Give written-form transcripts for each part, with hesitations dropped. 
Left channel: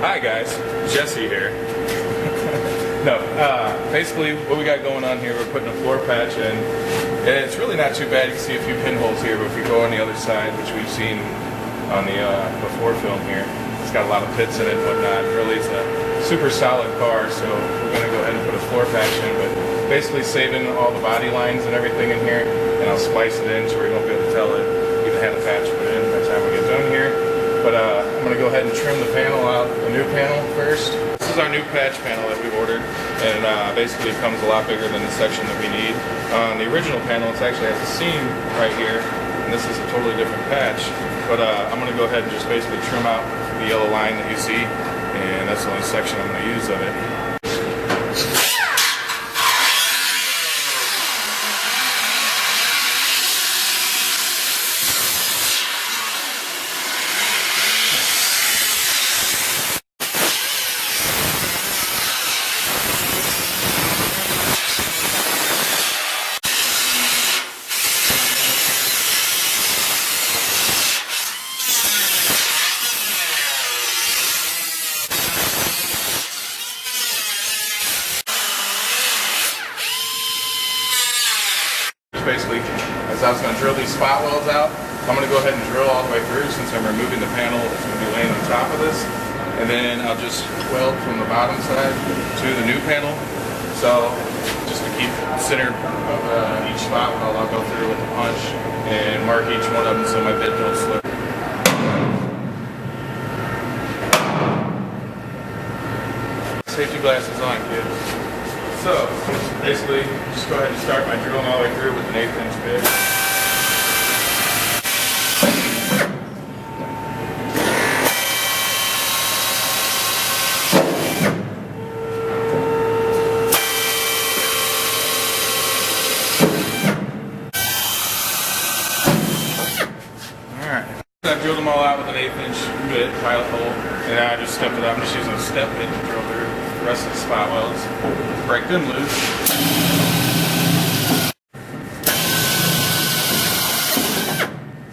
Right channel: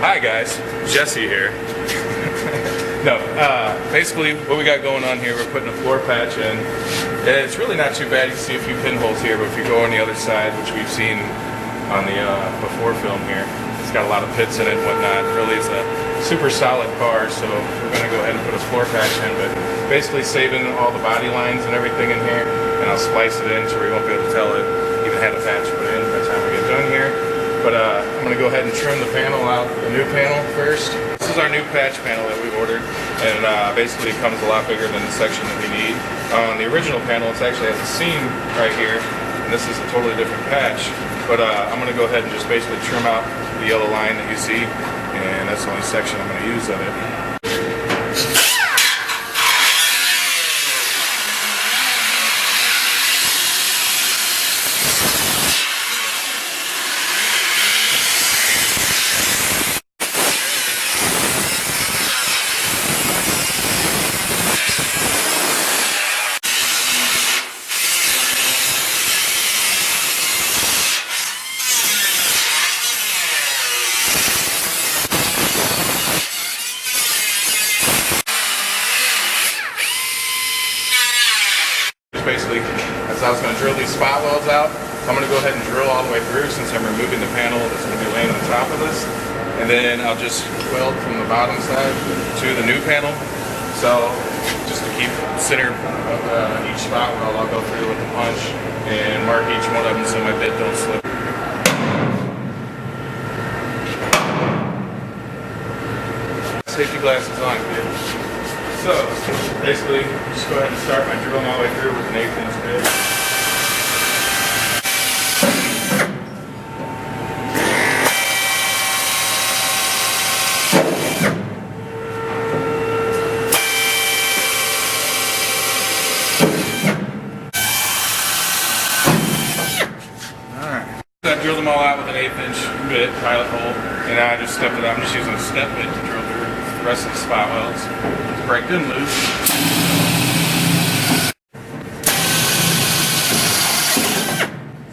Hi guys, Jesse here. No, basically what we got going on here, we're putting a floor patch in. It's really not too bad. You can see a few pinholes here, but if you go on the other side, which we've seen on the before film here, it's got a lot of pits in it and whatnot. Really, it's a super solid car, so we're going to go ahead and put a floor patch in, but basically saving all the body lines and everything in here, and I'll splice it in so we won't be able to tell it even had a patch put in by the time we get done here. But I'm going to go ahead and trim the panel out, the new panel first. This is our new patch panel that we've ordered, and basically it comes a lot bigger than the section that we need. On the original panel, it actually has a seam right here, and this is a totally different patch. But I'm going to go ahead and just basically trim out the yellow line that you see, and that's the only section I'm going to use of it. Basically, as I was going to drill these spot welds out, I'm going to go ahead and drill all the way through since I'm removing the panel that's going to be laying on top of this, and then I'll just weld from the bottom side to the new panel. So just to keep center of each spot weld, I'll go through with the punch and mark each one of them so my bit don't slip. Safety glasses on, kid. So, basically, just go ahead and start my drilling all the way through with an 1/8 inch bit. Alright. I've drilled them all out with an 1/8 inch bit, pilot hole, and now I just stepped it up. I'm just using a step bit to drill through the rest of the spot welds. Break them loose.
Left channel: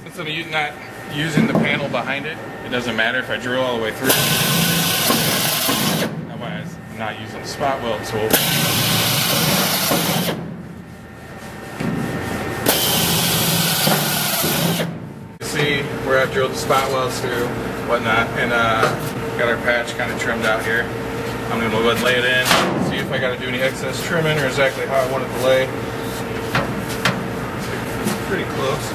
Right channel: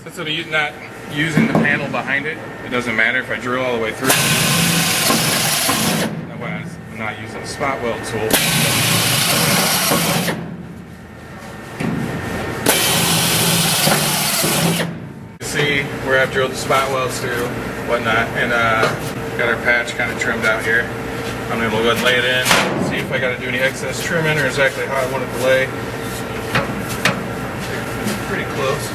Since I'm not using the panel behind it, it doesn't matter if I drill all the way through. That way I'm not using the spot weld tool. You see where I've drilled the spot welds through, whatnot, and got our patch kind of trimmed out here. I'm going to go ahead and lay it in, see if I got to do any excess trimming or exactly how I want it to lay. It's pretty close.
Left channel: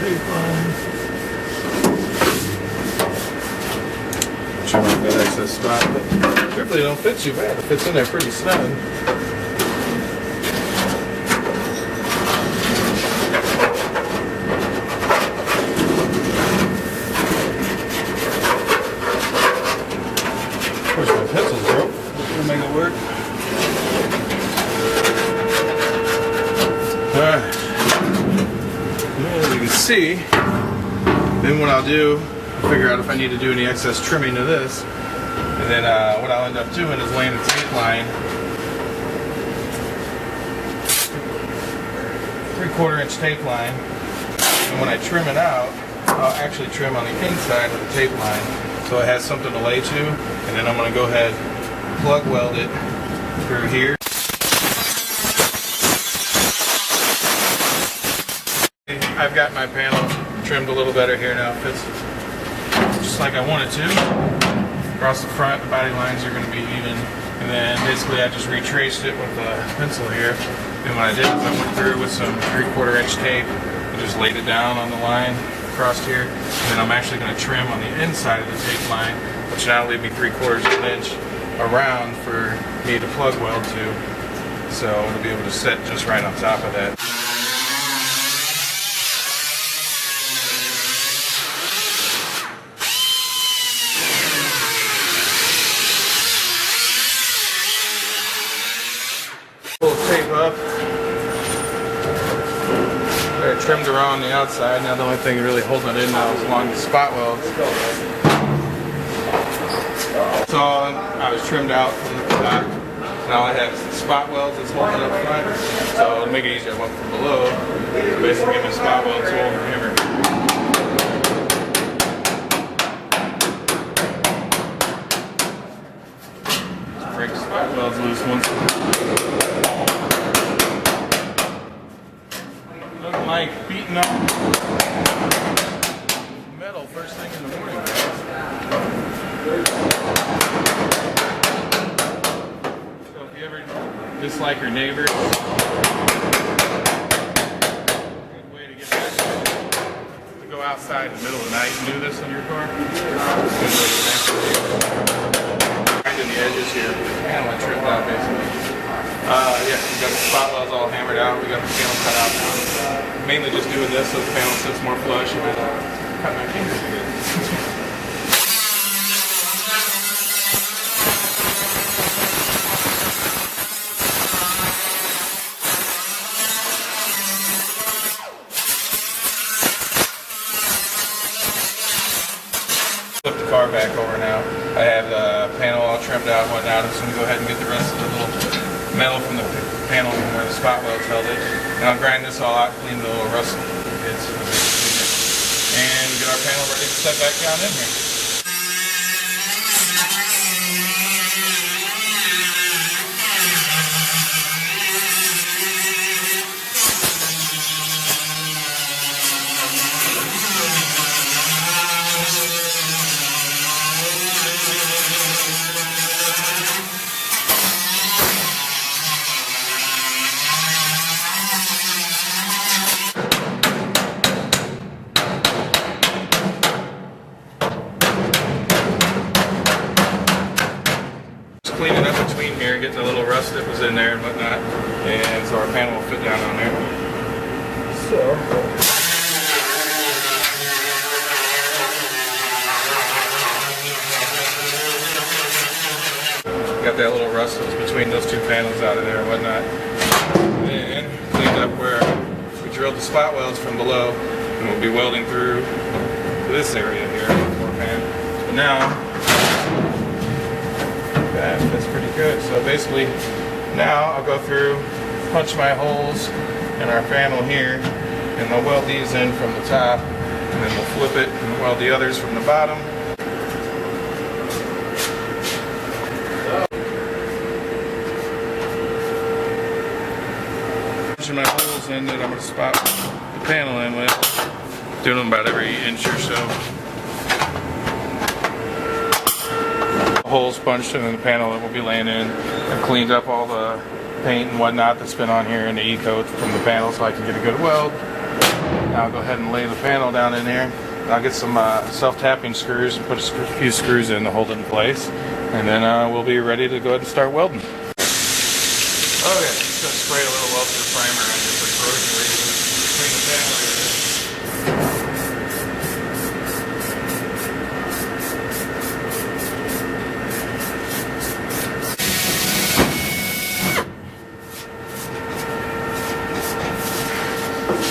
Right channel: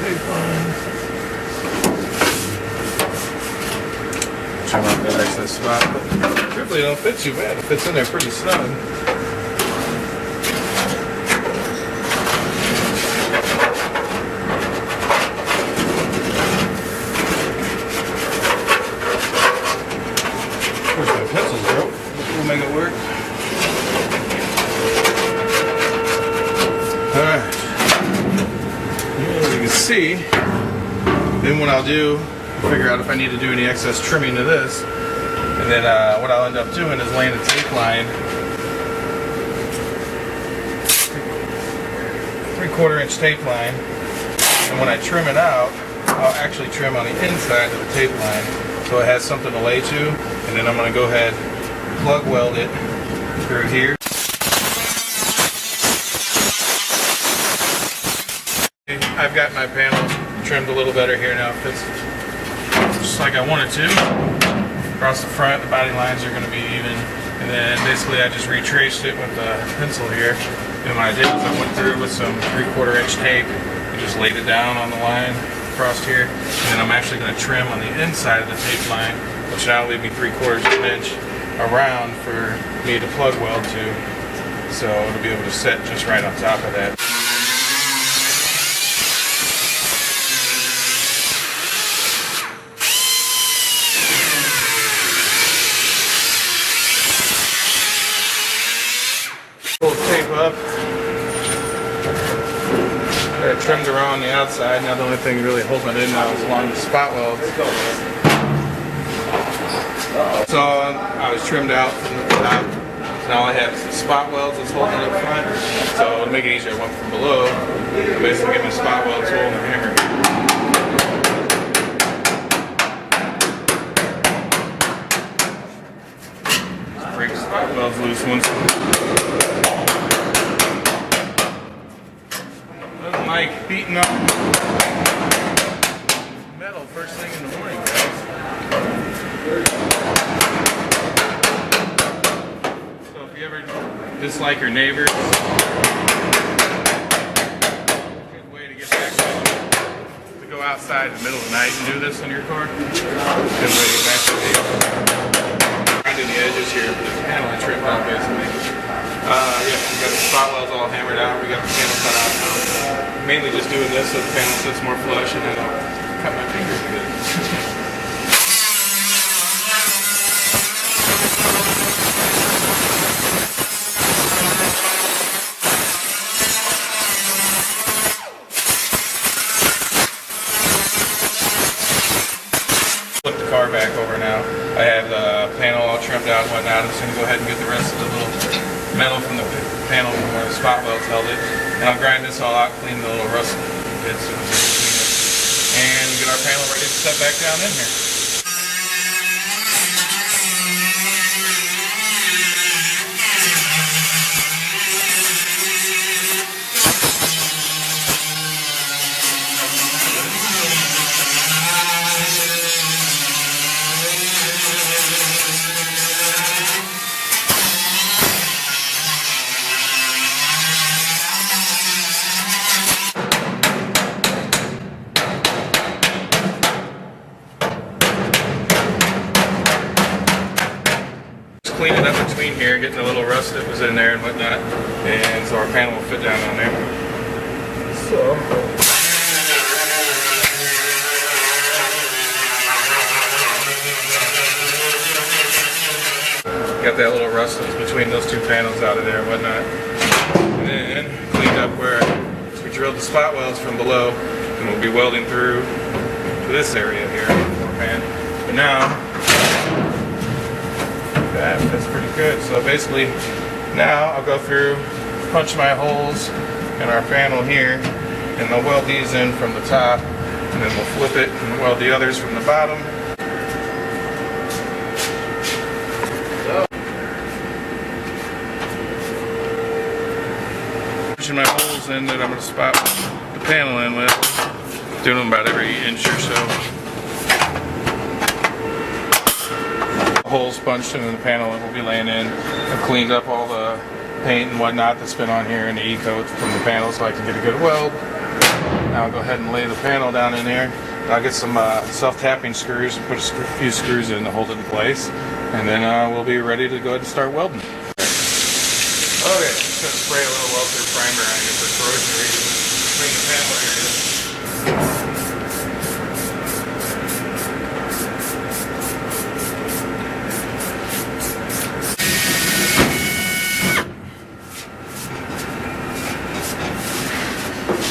Tape line. Trim out that excess spot, but hopefully it don't fit too bad. It fits in there pretty snug. There's my pencils broke. We'll make it work. Alright. As you can see, then what I'll do, figure out if I need to do any excess trimming to this, and then what I'll end up doing is laying a tape line, 3/4 inch tape line, and when I trim it out, I'll actually trim on the inside of the tape line so it has something to lay to, and then I'm going to go ahead and plug weld it through here. I've got my panel trimmed a little better here now. It fits just like I wanted to. Across the front, the body lines are going to be even, and then basically I just retraced it with a pencil here. And what I did is I went through with some 3/4 inch tape and just laid it down on the line across here. And then I'm actually going to trim on the inside of the tape line, which now will leave me 3/4 of an inch around for me to plug weld to. So it'll be able to set just right on top of that. Pull the tape up. I trimmed around the outside. Now the only thing really holding it in now is along the spot weld. So I was trimmed out from the top. So now all I have is the spot welds that's holding it up front. So to make it easier, I went from below. Basically give me a spot weld tool and a hammer. Just break the spot welds loose once. Nothing like beating up metal first thing in the morning, guys. So if you ever dislike your neighbors, a good way to get back to them is to go outside in the middle of the night and do this on your car. Good way to get back to them. Grinding the edges here with the panel I trimmed out basically. Yeah, we got the spot welds all hammered out. We got the panel cut out now. Mainly just doing this so the panel sits more flush and I don't cut my fingers again. Flip the car back over now. I have the panel all trimmed out and whatnot. I'm just going to go ahead and get the rest of the little metal from the panel from where the spot welds held it. And I'll grind this all out, clean the little rust bits, and we get our panel ready to set back down in here. Cleaning up between here, getting the little rust that was in there and whatnot, and so our panel will fit down on there. So, got that little rust that's between those two panels out of there and whatnot. And cleaned up where we drilled the spot welds from below, and we'll be welding through this area here on the floor pan. But now, that fits pretty good. So basically now I'll go through, punch my holes in our panel here, and they'll weld these in from the top, and then we'll flip it and weld the others from the bottom. Punching my holes in that I'm going to spot the panel in with, doing them about every inch or so. Holes punched in the panel that we'll be laying in. I've cleaned up all the paint and whatnot that's been on here and the E-coat from the panel so I can get a good weld. Now I'll go ahead and lay the panel down in there. I'll get some self-tapping screws and put a few screws in to hold it in place. And then we'll be ready to go ahead and start welding. Okay, just going to spray a little weld-through primer on here for corrosion reasons between the panel areas.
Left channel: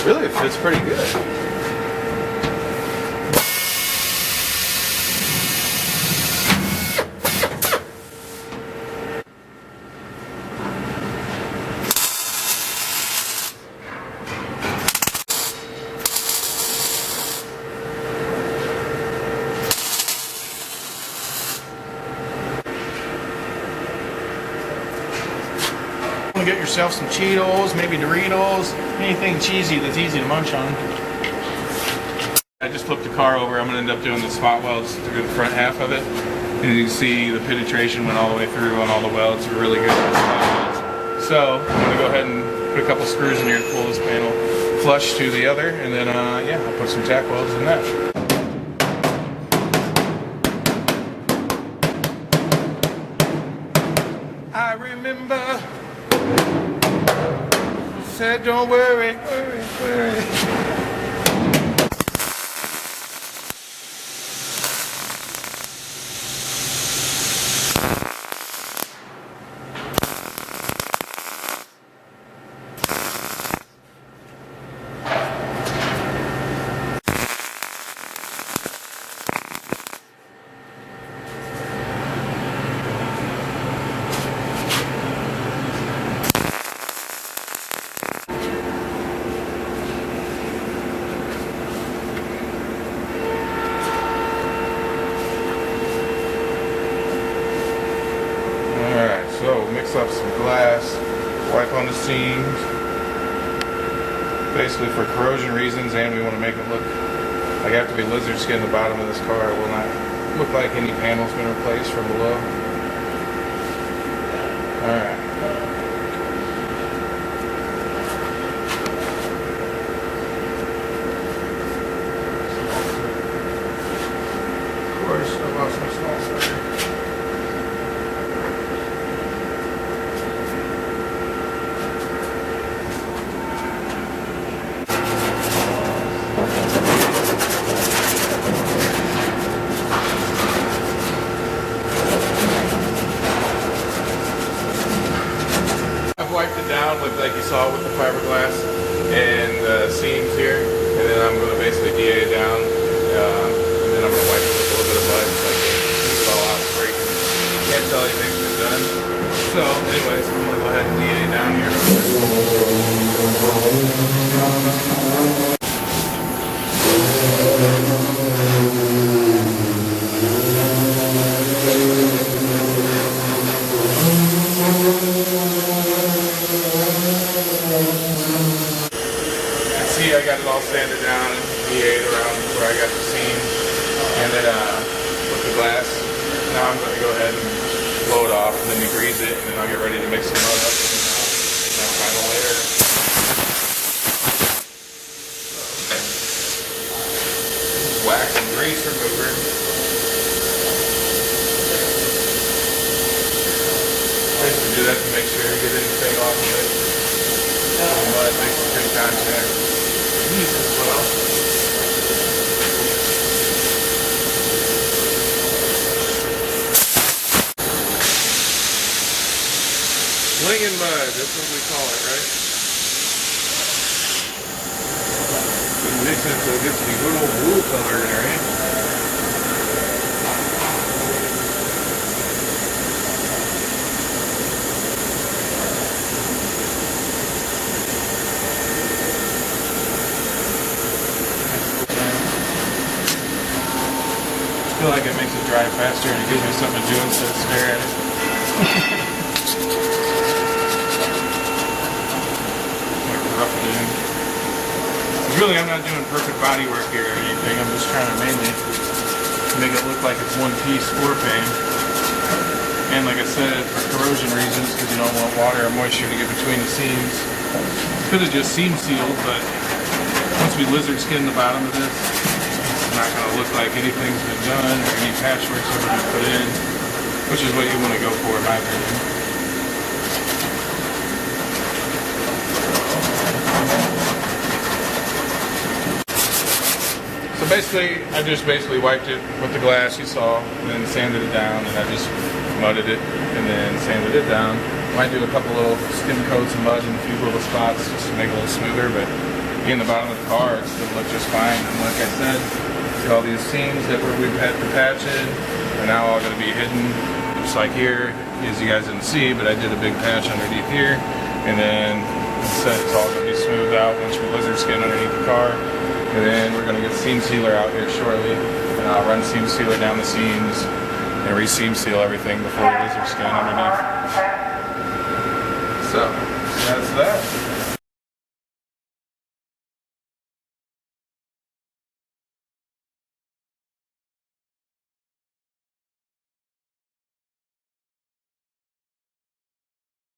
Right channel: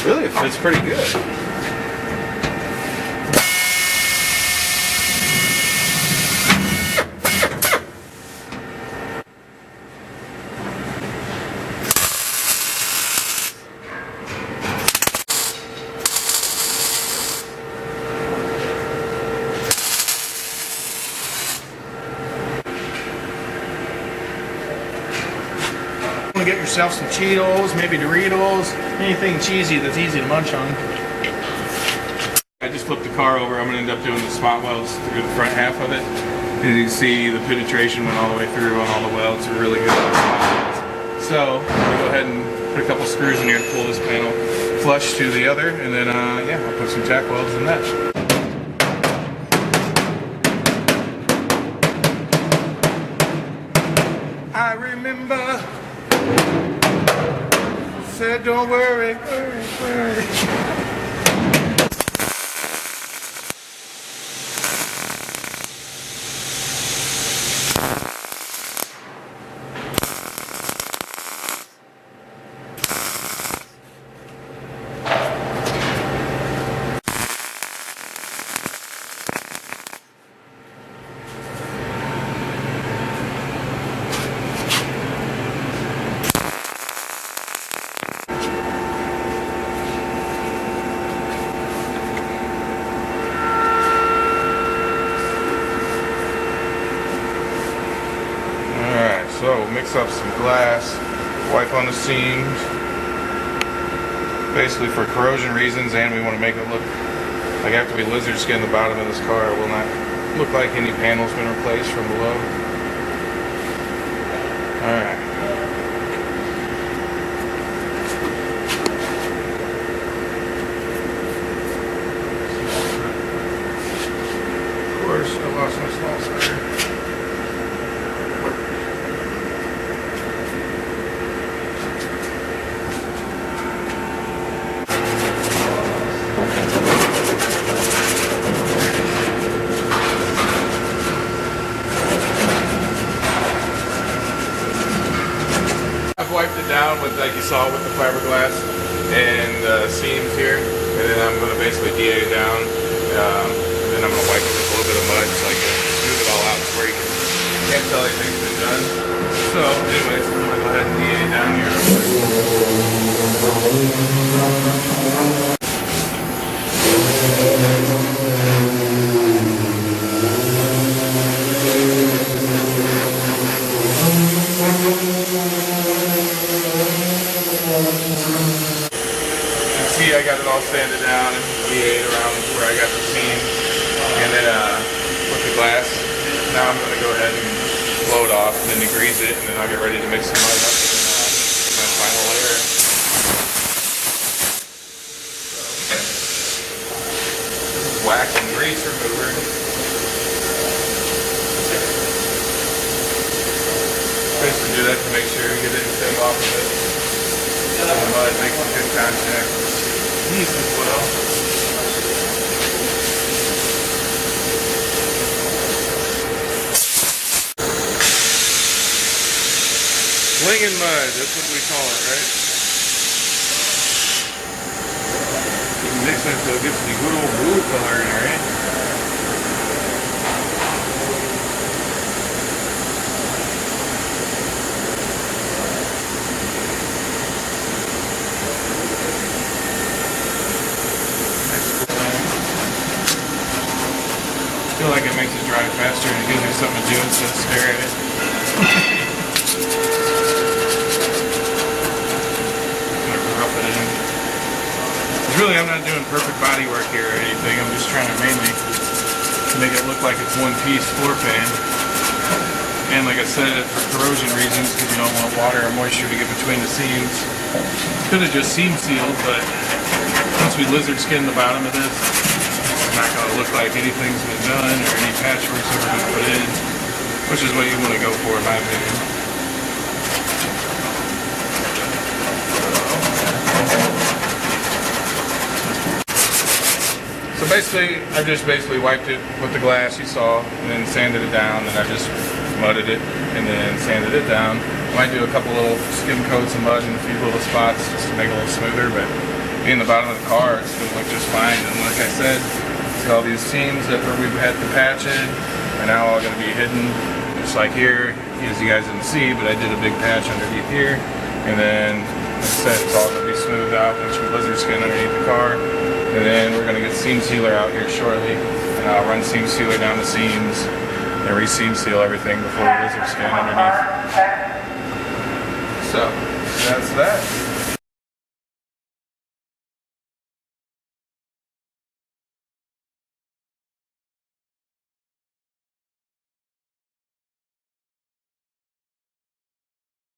Really, it fits pretty good. Get yourself some Cheetos, maybe Doritos, anything cheesy that's easy to munch on. I just flipped the car over. I'm going to end up doing the spot welds through the front half of it. And you see the penetration went all the way through on all the welds. They're really good on the spot welds. So I'm going to go ahead and put a couple screws in here to pull this panel flush to the other, and then yeah, I'll put some tack welds in that. I remember said don't worry, worry. some glass, wipe on the seams, basically for corrosion reasons, and we want to make it look like after we lizard skin the bottom of this car, it will not look like any panel's been replaced from below. Alright. Of course, I lost my small starter. I've wiped it down with, like you saw, with the fiberglass and seams here, and then I'm going to basically DA it down, and then I'm going to wipe it with a little bit of mud so I can smooth it all out to where you can't tell anything's been done. So anyways, I'm going to go ahead and DA it down here real quick. See, I got it all sanded down and DA'd around where I got the seams, and then with the glass. Now I'm going to go ahead and blow it off, and then degrease it, and then I'll get ready to mix the mud up in my final layer. So, this is wax and grease remover. Basically do that to make sure you get anything off of it. The mud makes a good contact. These as well. Blingin' mud, that's what we call it, right? You can mix it so it gets the good old blue color in there, right? I feel like it makes it dry faster and it gives me something to do instead of stare at it. I'm gonna rough it in. Really, I'm not doing perfect body work here or anything. I'm just trying to mainly make it look like it's one piece floor pan. And like I said, for corrosion reasons, because you don't want water or moisture to get between the seams. Could have just seam sealed, but once we lizard skin the bottom of this, it's not going to look like anything's been done or any patchwork's ever been put in, which is what you want to go for in my opinion. So basically, I've just wiped it with the glass you saw, and then sanded it down, and I've just mudded it, and then sanded it down. I might do a couple little skim coats of mud in a few little spots just to make it a little smoother, but being the bottom of the car, it's going to look just fine. And like I said, see all these seams that where we've had to patch in are now all going to be hidden, just like here, as you guys didn't see, but I did a big patch underneath here, and then like I said, it's all going to be smoothed out once we lizard skin underneath the car. And then we're going to get seam sealer out here shortly, and I'll run seam sealer down the seams and re-seam seal everything before we lizard skin underneath. So that's that.